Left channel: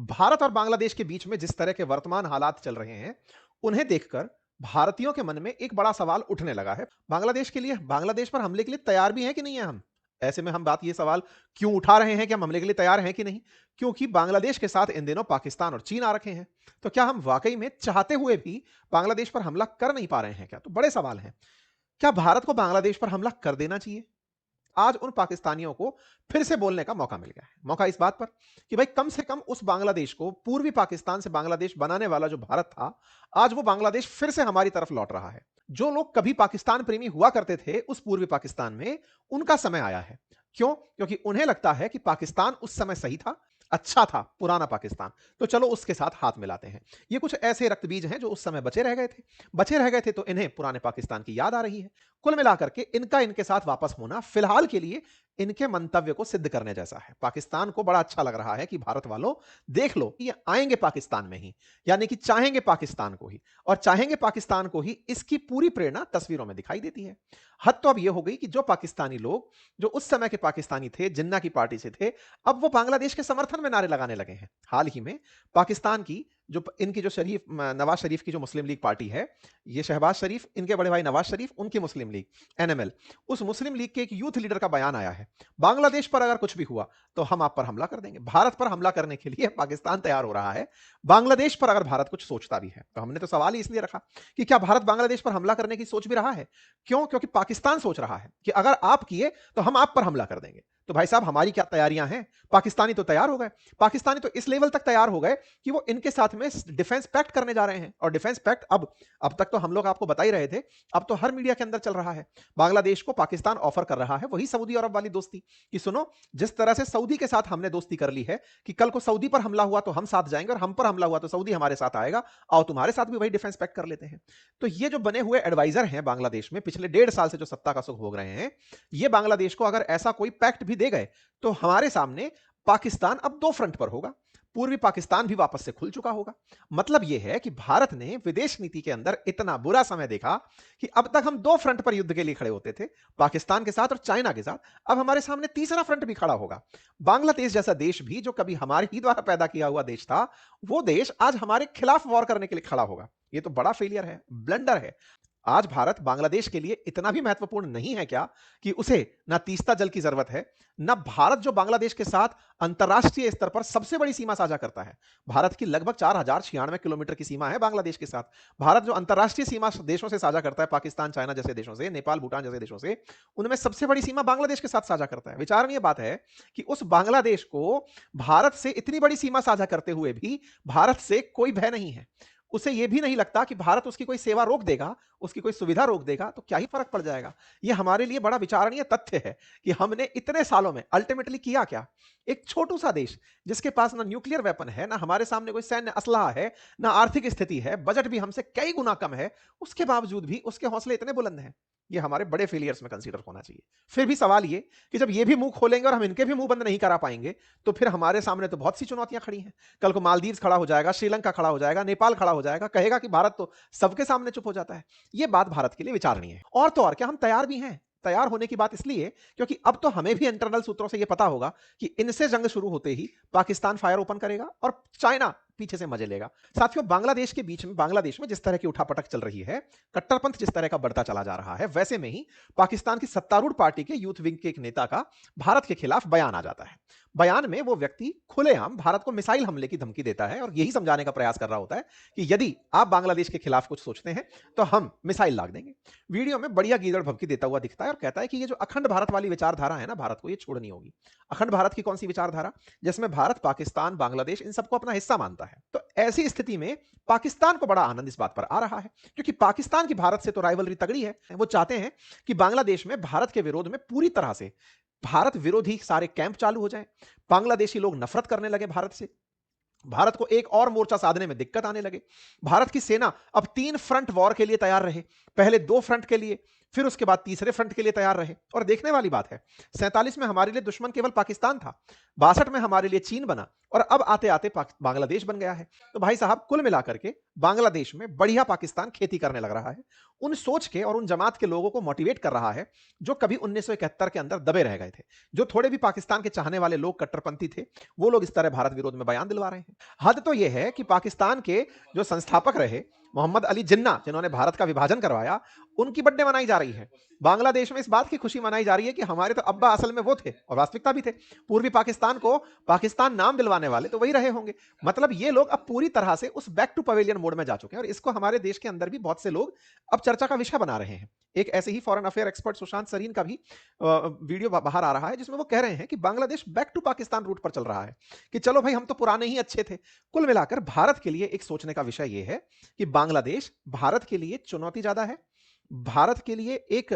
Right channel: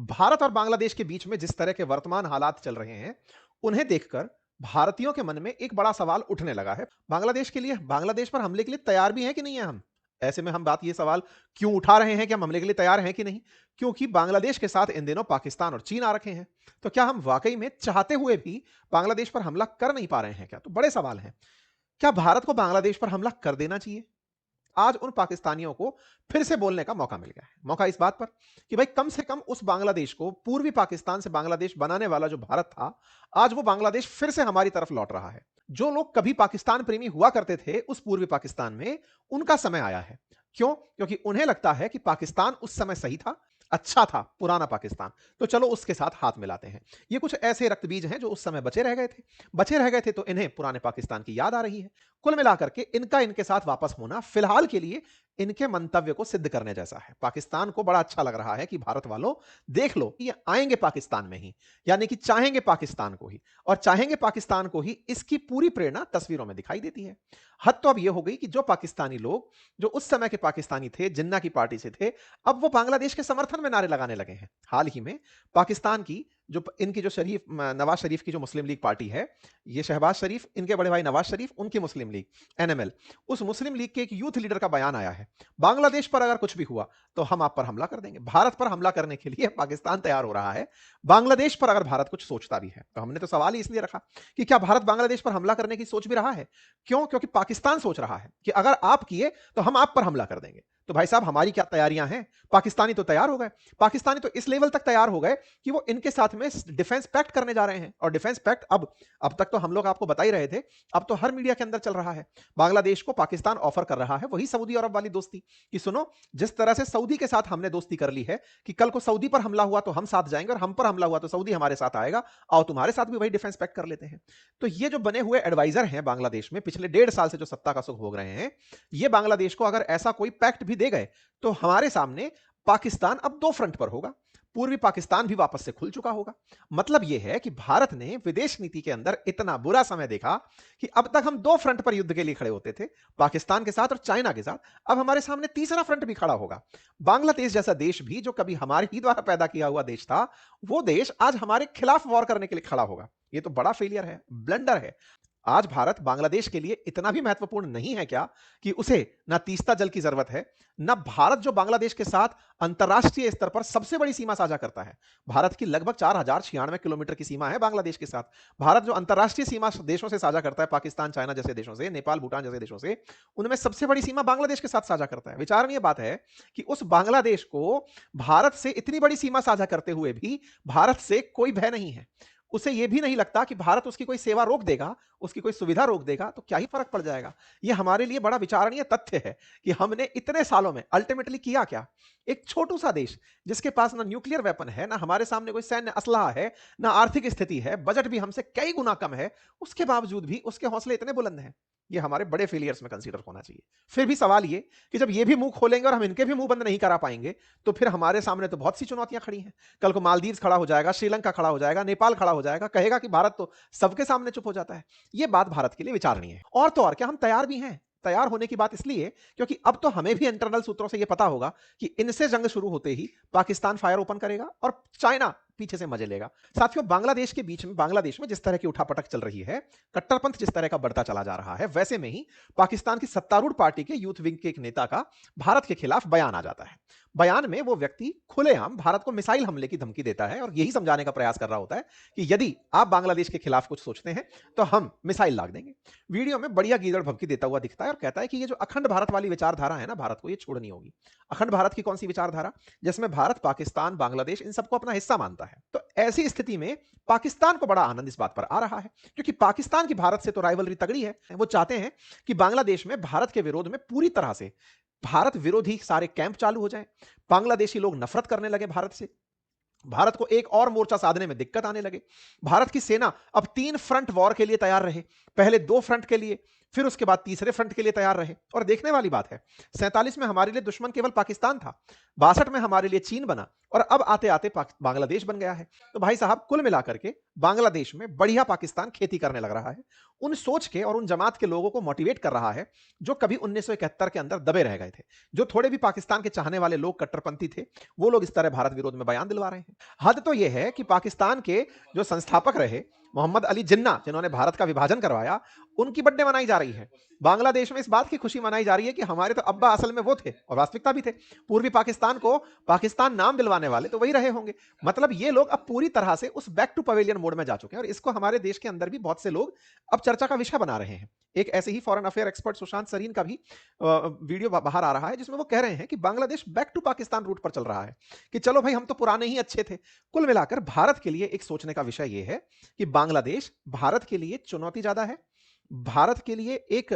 भारत और बांग्लादेश के बीच में जिस तरह के वर्तमान हालात चल रहे हैं, उन्हें देखकर भारतीयों के मन में एक बड़ा सवाल उठने लगा है। बांग्लादेश के लिए बांग्लादेश पर हमले के लिए तैयार भी हैं कि नहीं हैं हम? ऐसे में हम बात ये सवाल क्यों उठा रहे हैं कि हम हमले के लिए तैयार हैं कि नहीं? क्योंकि बांग्लादेश के साथ इन दिनों पाकिस्तान और चीन आ रखे हैं। तो क्या हम वाक़ई में चाहते हुए भी बांग्लादेश पर हमला कर नहीं पा रहे हैं क्या? तो बड़े सवाल हैं। क्या भारत को बांग्लादेश पर हमला कर देना चाहिए? आज उन पाकिस्तानियों को फिर से बोलने का मौका मिल गया है। मौका इस बात पर कि भाई कम से कम उस बांग्लादेश को पूर्वी पाकिस्तान से बांग्लादेश बनाने वाला जो भारत था, आज वो बांग्लादेश फिर से हमारी तरफ लौट रहा है। जो लोग कभी पाकिस्तान प्रेमी हुआ करते थे उस पूर्वी पाकिस्तान में, उनका समय आया है। क्यों? क्योंकि उन्हें लगता है कि पाकिस्तान उस समय सही था, अच्छा था, पुराना पाकिस्तान। तो चलो उसके साथ हाथ मिलाते हैं। ये कुछ ऐसे रक्तबीज हैं जो उस समय बचे रह गए थे। बचे रह गए थे तो इन्हें पुराने पाकिस्तान की याद आ रही है। कुल मिलाकर के इनका इनके साथ वापस होना फिलहाल के लिए इनके मंतव्य को सिद्ध करने जैसा है। पाकिस्तान को बड़ा अच्छा लग रहा है कि भारत वालों, देख लो ये आएंगे पाकिस्तान में ही, यानी कि चाहेंगे पाकिस्तान को ही, और चाहेंगे पाकिस्तान को ही, इसकी पूरी प्रेरणा तस्वीरों में दिखाई देती है। हद तो अब यह हो गई कि जो पाकिस्तानी लोग जो उस समय के पाकिस्तानी थे, जिन्ना की पार्टी से थे, अब वो बांग्लादेश के समर्थन में नारे लगाने लगे हैं। हाल ही में पाकिस्तान की इनकी जो नवाज शरीफ की जो मुस्लिम लीग पार्टी है, ये शहबाज शरीफ, इनके बड़े भाई नवाज शरीफ, उनकी मुस्लिम लीग एनएमएल, उस मुस्लिम लीग के एक यूथ लीडर का बयान आया है, बांग्लादेश पर अगर कुछ भी हुआ तो हम आप पर हमला कर देंगे। भारत पर हमला करने के लिए पाकिस्तान तैयार हो रहा है, बांग्लादेश पर अगर भारत कुछ सोचता भी है। तो हमने तो सवाल ही इसलिए रखा कि क्या भारत बांग्लादेश पर हमला करने की सोच भी रहा है? क्यों? क्योंकि पाकिस्तान सोच रहा है कि अगर आप किए तो हम आप पर हमला कर देंगे। तो भाई साहब, हमारी क्या तैयारियां हैं? पाकिस्तानी तो तैयार हो गए। पाकिस्तानी तो इस लेवल तक तैयार हो गए कि वो इनके साथ में डिफेंस पैक्ट करने जा रहे हैं। और डिफेंस पैक्ट अब तक तो हम लोग आपको बता ही रहे थे, अब तो हर मीडिया के अंदर चल रहा है। बांग्लादेश को पाकिस्तान ऑफर कर रहा है वही सऊदी अरब वाली दोस्ती, कि सुनो, जिस तरह से सऊदी के साथ हमने दोस्ती कर ली है कि कल को सऊदी पर हमला हुआ तो हम साथ जाएंगे, और हम पर हमला हुआ तो सऊदी हमारे साथ आएगा, आओ तुम्हारे साथ भी वही डिफेंस पैक्ट कर लेते हैं। तो ये जो बने हुए एडवाइजर हैं बांग्लादेश में, पिछले 1.5 साल से जो सत्ता का सुख भोग रहे हैं, ये बांग्लादेश को अगर ऐसा कोई पैक्ट भी दे गए तो हमारे सामने पाकिस्तान अब दो फ्रंट पर होगा। पूर्वी पाकिस्तान भी वापस से खुल चुका होगा। मतलब यह है कि भारत ने विदेश नीति के अंदर इतना बुरा समय देखा कि अब तक हम दो फ्रंट पर युद्ध के लिए खड़े होते थे, पाकिस्तान के साथ और चाइना के साथ। अब हमारे सामने तीसरा फ्रंट भी खड़ा होगा। बांग्लादेश जैसा देश भी, जो कभी हमारे ही द्वारा पैदा किया हुआ देश था, वो देश आज हमारे खिलाफ वॉर करने के लिए खड़ा होगा। ये तो बड़ा फेलियर है, ब्लंडर है। आज भारत बांग्लादेश के लिए इतना भी महत्वपूर्ण नहीं है क्या कि उसे ना तीस्ता जल की जरूरत है, ना भारत जो बांग्लादेश के साथ अंतरराष्ट्रीय स्तर पर सबसे बड़ी सीमा साझा करता है। भारत की लगभग 4096 किलोमीटर की सीमा है बांग्लादेश के साथ। भारत जो अंतरराष्ट्रीय सीमा देशों से साझा करता है, पाकिस्तान, चाइना जैसे देशों से, नेपाल, भूटान जैसे देशों से, उनमें सबसे बड़ी सीमा बांग्लादेश के साथ साझा करता है। विचारणीय बात है कि उस बांग्लादेश को भारत से इतनी बड़ी सीमा साझा करते हुए भी भारत से कोई भय नहीं है। उसे यह भी नहीं लगता कि भारत उसकी कोई सेवा रोक देगा, उसकी कोई सुविधा रोक देगा तो क्या ही फर्क पड़ जाएगा। यह हमारे लिए बड़ा विचारणीय तथ्य है कि हमने इतने सालों में अल्टीमेटली किया क्या। एक छोटू सा देश जिसके पास ना न्यूक्लियर वेपन है, ना हमारे सामने कोई सैन्य असलाह है, ना आर्थिक स्थिति है, बजट भी हमसे कई गुना कम है, उसके बावजूद भी उसके हौसले इतने बुलंद हैं। ये हमारे बड़े फेलियर्स में कंसीडर होना चाहिए। फिर भी सवाल ये कि जब ये भी मुंह खोलेंगे और हम इनके भी मुंह बंद नहीं करा पाएंगे, तो फिर हमारे सामने तो बहुत सी चुनौतियां खड़ी हैं। कल को मालदीव खड़ा हो जाएगा, श्रीलंका खड़ा हो जाएगा, नेपाल खड़ा हो जाएगा, कहेगा कि भारत तो सबके सामने चुप हो जाता है। यह बात भारत के लिए विचारणीय है। और तो और, क्या हम तैयार भी हैं? तैयार होने की बात इसलिए क्योंकि अब तो हमें भी इंटरनल सूत्रों से यह पता होगा कि इनसे जंग शुरू होते ही पाकिस्तान फायर ओपन करेगा और चाइना पीछे से मजे लेगा। साथियों, बांग्लादेश में जिस तरह की उठापटक चल रही है, कट्टरपंथ जिस तरह का बढ़ता चला जा रहा है, वैसे में ही पाकिस्तान की सत्तारूढ़ पार्टी के यूथ विंग के एक नेता का भारत के खिलाफ बयान आ जाता है। बयान में वो व्यक्ति खुलेआम भारत को मिसाइल हमले की धमकी देता है और यही समझाने का प्रयास कर रहा होता है कि यदि आप बांग्लादेश के खिलाफ कुछ सोचते हैं तो हम मिसाइल लाद देंगे। वीडियो में बढ़िया गीदड़ भभकी देता हुआ दिखता है और कहता है कि ये जो अखंड भारत वाली विचारधारा है ना, भारत को ये छोड़नी होगी। अखंड भारत की कौन सी विचारधारा? जिसमें भारत, पाकिस्तान, बांग्लादेश इन सबको अपना हिस्सा मानता है। तो ऐसी स्थिति में पाकिस्तान को बड़ा आनंद इस बात पर आ रहा है, क्योंकि पाकिस्तान की भारत से तो राइवलरी तगड़ी है। वो चाहते हैं कि बांग्लादेश में भारत के विरोध में पूरी तरह से भारत विरोधी सारे कैंप चालू हो जाएं, बांग्लादेशी लोग नफरत करने लगे भारत से, भारत को एक और मोर्चा साधने में दिक्कत आने लगे। भारत की सेना अब 3 फ्रंट वॉर के लिए तैयार रहे, पहले 2 फ्रंट के लिए, फिर उसके बाद तीसरे फ्रंट के लिए तैयार रहे। और देखने वाली बात है, 47 में हमारे लिए दुश्मन केवल पाकिस्तान था, 62 में हमारे लिए चीन बना, और अब आते आते बांग्लादेश बन गया है। तो भाई साहब, कुल मिलाकर के बांग्लादेश में बढ़िया पाकिस्तान खेती करने लग रहा है, उन सोच के और उन जमात के लोगों को मोटिवेट कर रहा है जो कभी 1971 के अंदर दबे रह गए थे। जो थोड़े भी पाकिस्तान के चाहने वाले लोग कट्टरपंथी थे, वो लोग इस तरह भारत विरोध में बयान दिलवा रहे हैं। हद तो यह है कि पाकिस्तान के जो संस्थापक रहे मोहम्मद अली जिन्ना, जिन्होंने भारत का विभाजन करवाया, उनकी बर्थडे मनाई जा रही है। बांग्लादेश में इस बात की खुशी मनाई जा रही है कि हमारे तो अब्बा असल में वो थे, और वास्तविकता भी थे। पूर्वी पाकिस्तान को पाकिस्तान नाम दिलवाने वाले तो वही रहे होंगे। मतलब ये लोग अब पूरी तरह से उस बैक टू पवेलियन मोड में जा चुके हैं, और इसको हमारे देश के अंदर भी बहुत से लोग अब चर्चा का विषय बना रहे हैं। एक ऐसे ही foreign affair expert Sushant Sareen का भी वीडियो बाहर आ रहा है, जिसमें वो कह रहे हैं कि Bangladesh back to Pakistan route पर चल रहा है, कि चलो भाई, हम तो पुराने ही अच्छे थे। कुल मिलाकर भारत के लिए एक सोचने का विषय यह है कि बांग्लादेश भारत के लिए चुनौती ज्यादा है, भारत के लिए एक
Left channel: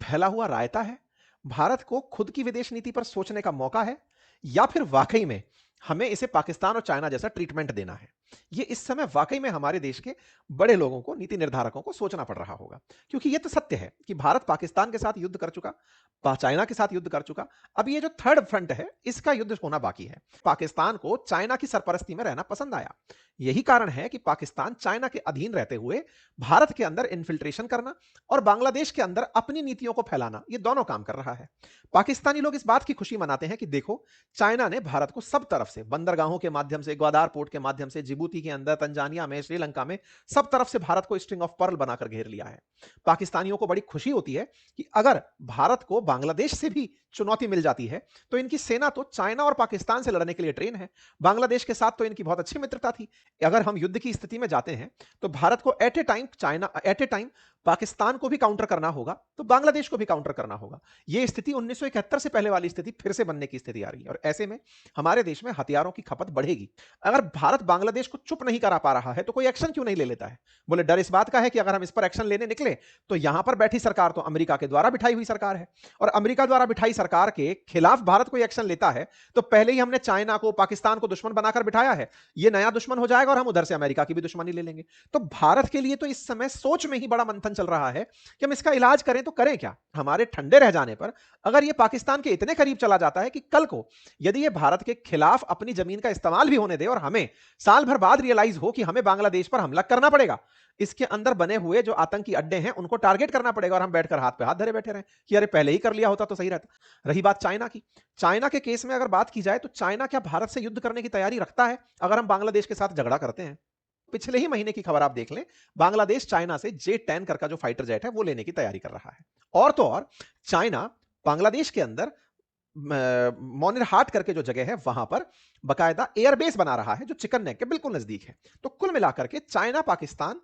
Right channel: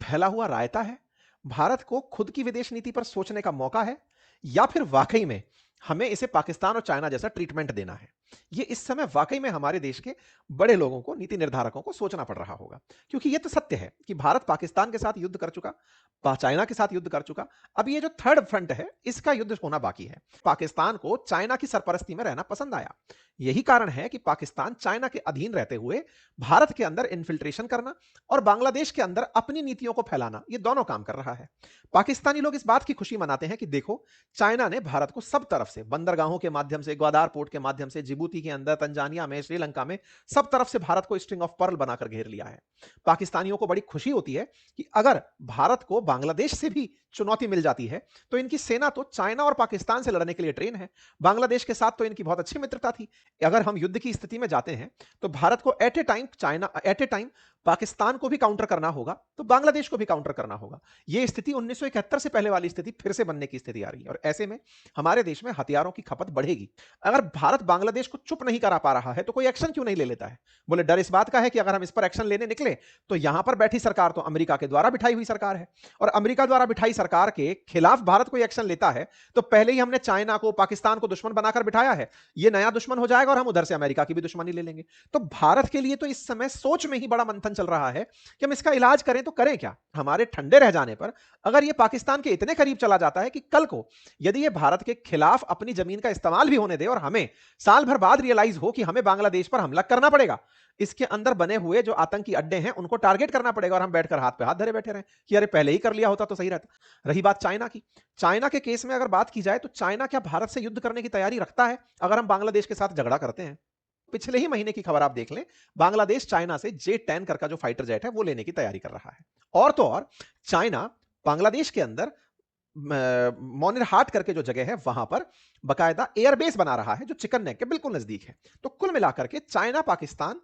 फैला हुआ रायता है, भारत को खुद की विदेश नीति पर सोचने का मौका है, या फिर वाकई में हमें इसे पाकिस्तान और चाइना जैसा ट्रीटमेंट देना है। ये इस समय वाकई में हमारे देश के बड़े लोगों को, नीति निर्धारकों को सोचना पड़ रहा होगा। क्योंकि ये तो सत्य है कि भारत पाकिस्तान के साथ युद्ध कर चुका, चाइना के साथ युद्ध कर चुका, अब ये जो थर्ड फ्रंट है, इसका युद्ध होना बाकी है। पाकिस्तान को चाइना की सरपरस्ती में रहना पसंद आया। यही कारण है कि पाकिस्तान चाइना के अधीन रहते हुए भारत के अंदर इन्फिल्ट्रेशन करना और बांग्लादेश के अंदर अपनी नीतियों को फैलाना, ये दोनों काम कर रहा है। पाकिस्तानी लोग इस बात की खुशी मनाते हैं कि देखो, चाइना ने भारत को सब तरफ से, बंदरगाहों के माध्यम से, ग्वादार पोर्ट के माध्यम से, जिबूती के अंदर, तंजानिया में, श्रीलंका में, सब तरफ से भारत को स्ट्रिंग ऑफ पर्ल बनाकर घेर लिया है। पाकिस्तानियों को बड़ी खुशी होती है कि अगर भारत को बांग्लादेश से भी चुनौती मिल जाती है, तो इनकी सेना तो चाइना और पाकिस्तान से लड़ने के लिए ट्रेन है। बांग्लादेश के साथ तो इनकी बहुत अच्छी मित्रता थी। अगर हम युद्ध की स्थिति में जाते हैं, तो भारत को एट ए टाइम पाकिस्तान को भी काउंटर करना होगा, तो बांग्लादेश को भी काउंटर करना होगा। यह स्थिति 1971 से पहले वाली स्थिति फिर से बनने की स्थिति आ रही है, और ऐसे में हमारे देश में हथियारों की खपत बढ़ेगी। अगर भारत बांग्लादेश को चुप नहीं करा पा रहा है, तो कोई एक्शन क्यों नहीं ले लेता है? बोले, डर इस बात का है कि अगर हम इस पर एक्शन लेने निकले, तो यहां पर बैठी सरकार तो अमेरिका के द्वारा बिठाई हुई सरकार है, और अमेरिका द्वारा बिठाई सरकार के खिलाफ भारत कोई एक्शन लेता है, तो पहले ही हमने चाइना को, पाकिस्तान को दुश्मन बनाकर बिठाया है। ये नया दुश्मन हो जाएगा, और हम उधर से अमेरिका की भी दुश्मनी ले लेंगे। तो भारत के लिए तो इस समय सोच में ही बड़ा मंथन चल रहा है कि हम इसका इलाज करें तो करें क्या। हमारे ठंडे रह जाने पर अगर ये पाकिस्तान के इतने करीब चला जाता है कि कल को यदि ये भारत के खिलाफ अपनी जमीन का इस्तेमाल भी होने दे, और हमें साल भर बाद रियलाइज हो कि हमें बांग्लादेश पर हमला करना पड़ेगा, इसके अंदर बने हुए जो आतंकी अड्डे हैं उनको टारगेट करना पड़ेगा, और हम बैठकर हाथ पे हाथ धरे बैठे रहे कि अरे पहले ही कर लिया होता तो सही रहता। रही बात चाइना की, चाइना के केस में अगर बात की जाए, तो चाइना क्या भारत से युद्ध करने की तैयारी रखता है अगर हम बांग्लादेश के साथ झगड़ा करते हैं? पिछले ही महीने की खबर आप देख लें, बांग्लादेश चाइना से J-10 का जो फाइटर जेट है वो लेने की तैयारी कर रहा है। और तो और चाइना बांग्लादेश के अंदर मोनिरहाट करके जो जगह है, वहां पर बकायदा एयरबेस बना रहा है, जो चिकन नेक के बिल्कुल नजदीक है। तो कुल मिलाकर के चाइना पाकिस्तान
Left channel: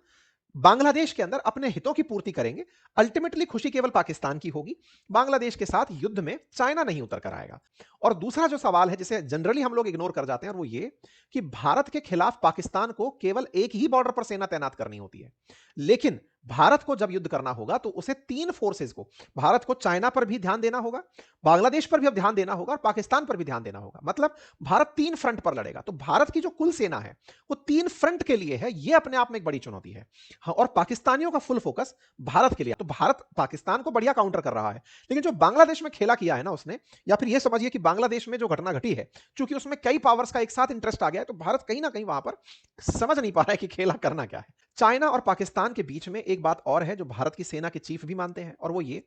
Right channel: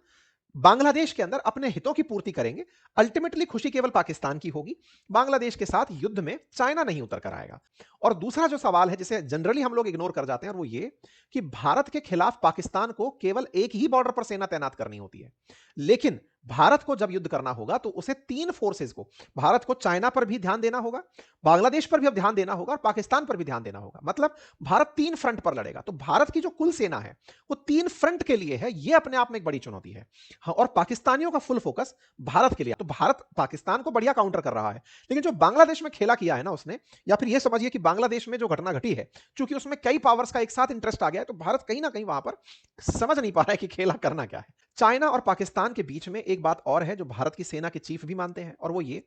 बांग्लादेश के अंदर अपने हितों की पूर्ति करेंगे। अल्टीमेटली खुशी केवल पाकिस्तान की होगी, बांग्लादेश के साथ युद्ध में चाइना नहीं उतर कर आएगा। और दूसरा जो सवाल है, जिसे जनरली हम लोग इग्नोर कर जाते हैं, और वो ये कि भारत के खिलाफ पाकिस्तान को केवल एक ही बॉर्डर पर सेना तैनात करनी होती है, लेकिन भारत को जब युद्ध करना होगा, तो उसे तीन फोर्सेस को, भारत को चाइना पर भी ध्यान देना होगा, बांग्लादेश पर भी अब ध्यान देना होगा, और पाकिस्तान पर भी ध्यान देना होगा। मतलब भारत तीन फ्रंट पर लड़ेगा। तो भारत की जो कुल सेना है, वो तीन फ्रंट के लिए है। ये अपने आप में एक बड़ी चुनौती है। हाँ, और पाकिस्तानियों का फुल फोकस भारत के लिए। तो भारत पाकिस्तान को बढ़िया काउंटर कर रहा है, लेकिन जो बांग्लादेश में खेला किया है ना उसने, या फिर ये समझिए कि बांग्लादेश में जो घटना घटी है, क्योंकि उसमें कई पावर्स का एक साथ इंटरेस्ट आ गया, तो भारत कहीं ना कहीं वहां पर समझ नहीं पा रहा है कि खेला करना क्या है। चाइना और पाकिस्तान के बीच में एक बात और है जो भारत की सेना के चीफ भी मानते हैं, और वो ये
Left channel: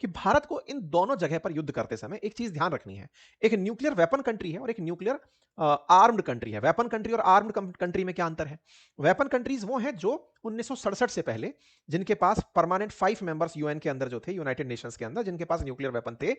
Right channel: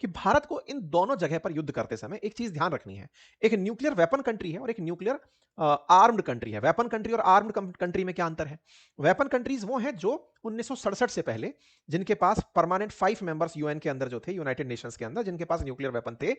कि भारत को इन दोनों जगह पर युद्ध करते समय एक चीज ध्यान रखनी है। एक न्यूक्लियर वेपन कंट्री है और एक न्यूक्लियर आर्म्ड कंट्री है। वेपन कंट्री और आर्म्ड कंट्री में क्या अंतर है? वेपन कंट्रीज वो हैं जो 1967 से पहले, जिनके पास परमानेंट 5 मेंबर्स यूएन के अंदर जो थे, यूनाइटेड नेशंस के अंदर, जिनके पास न्यूक्लियर वेपन थे,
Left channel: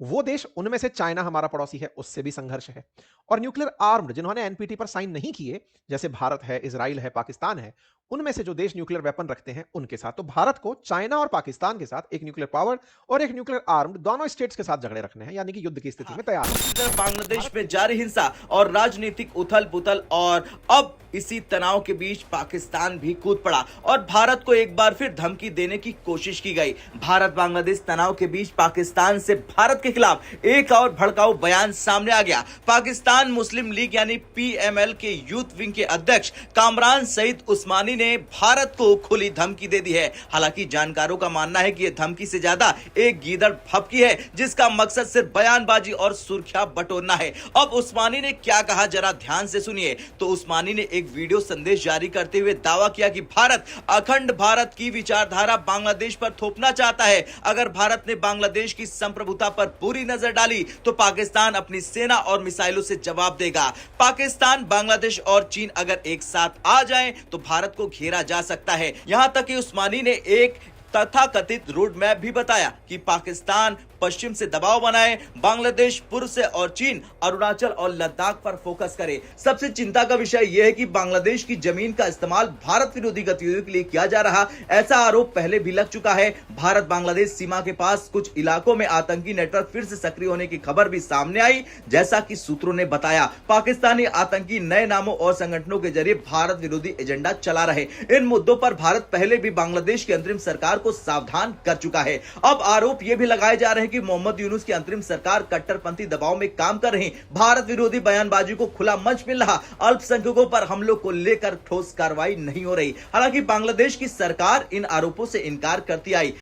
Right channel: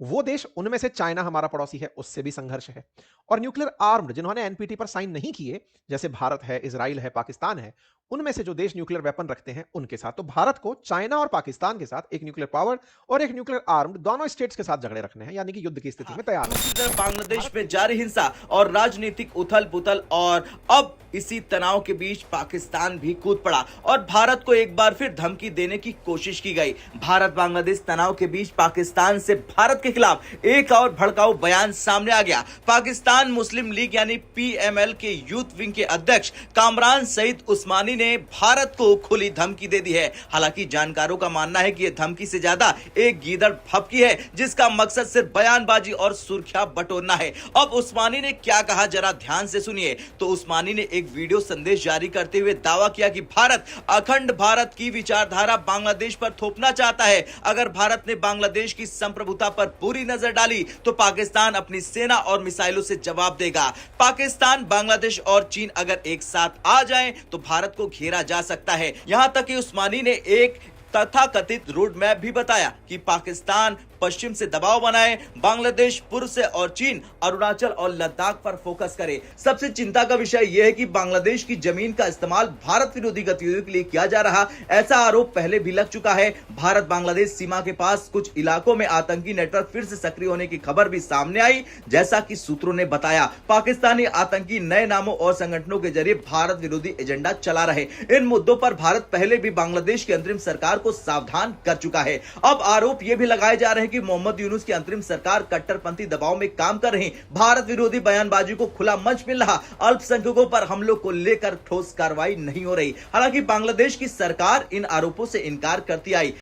वो देश, उनमें से चाइना हमारा पड़ोसी है, उससे भी संघर्ष है। और न्यूक्लियर आर्म्ड, जिन्होंने एनपीटी पर साइन नहीं किए, जैसे भारत है, इजराइल है, पाकिस्तान है, उनमें से जो देश न्यूक्लियर वेपन रखते हैं उनके साथ। तो भारत को चाइना और पाकिस्तान के साथ एक न्यूक्लियर पावर और एक न्यूक्लियर आर्म्ड दोनों स्टेट्स के साथ झगड़े रखने हैं, यानी कि युद्ध की स्थिति में तैयार दूसरी है। तरफ बांग्लादेश में जारी हिंसा और राजनीतिक उथल पुथल और अब इसी तनाव के बीच पाकिस्तान भी कूद पड़ा और भारत को एक बार फिर धमकी देने की कोशिश की गई। भारत बांग्लादेश तनाव के बीच पाकिस्तान से भारत के खिलाफ एक और भड़काऊ बयान सामने आ गया। पाकिस्तान मुस्लिम लीग यानी पीएमएल के यूथ विंग के अध्यक्ष कामरान सईद उस्मानी ने भारत को खुली धमकी दे दी है। हालांकि जानकारों का मानना है कि यह धमकी से ज्यादा एक गीदड़ फपकी है जिसका मकसद सिर्फ बयानबाजी और सुर्खियां बटोरना है। अब उस्मानी ने क्या कहा जरा ध्यान से सुनिए। तो उस्मानी ने एक वीडियो संदेश जारी करते हुए दावा किया कि भारत अखंड भारत की विचारधारा बांग्लादेश पर थोपना चाहता है। अगर भारत ने बांग्लादेश की संप्रभुता पर बुरी नजर डाली तो पाकिस्तान अपनी सेना और मिसाइलों से जवाब देगा। पाकिस्तान, बांग्लादेश और चीन अगर एक साथ आ जाएं तो भारत को घेरा जा सकता है। यहां तक कि उस्मानी ने एक तथाकथित रोड मैप भी बताया कि पाकिस्तान पश्चिम से दबाव बनाए, बांग्लादेश पूर्व से और चीन अरुणाचल और लद्दाख पर फोकस करे। सबसे चिंता का विषय यह है कि बांग्लादेश की जमीन का इस्तेमाल भारत विरोधी गतिविधियों के लिए किया जा रहा, ऐसा आरोप पहले भी लग चुका है। भारत बांग्लादेश सीमा के पास कुछ इलाकों में आतंकी नेटवर्क फिर से सक्रिय होने की खबर भी सामने आई। जैसा कि सूत्रों ने बताया, पाकिस्तानी आतंकी नए नामों और संगठनों के जरिए भारत विरोधी एजेंडा चला रहे। इन मुद्दों पर भारत पहले भी बांग्लादेश की अंतरिम सरकार को सावधान कर चुका है। अब आरोप यह भी लगाए जा रहे हैं कि मोहम्मद यूनुस की अंतरिम सरकार कट्टरपंथी दबाव में काम कर रही, भारत विरोधी बयानबाजी को खुला मंच मिल रहा, अल्पसंख्यकों पर हमलों को लेकर ठोस कार्रवाई नहीं हो रही। हालांकि बांग्लादेश की सरकार इन आरोपों से इनकार करती आई।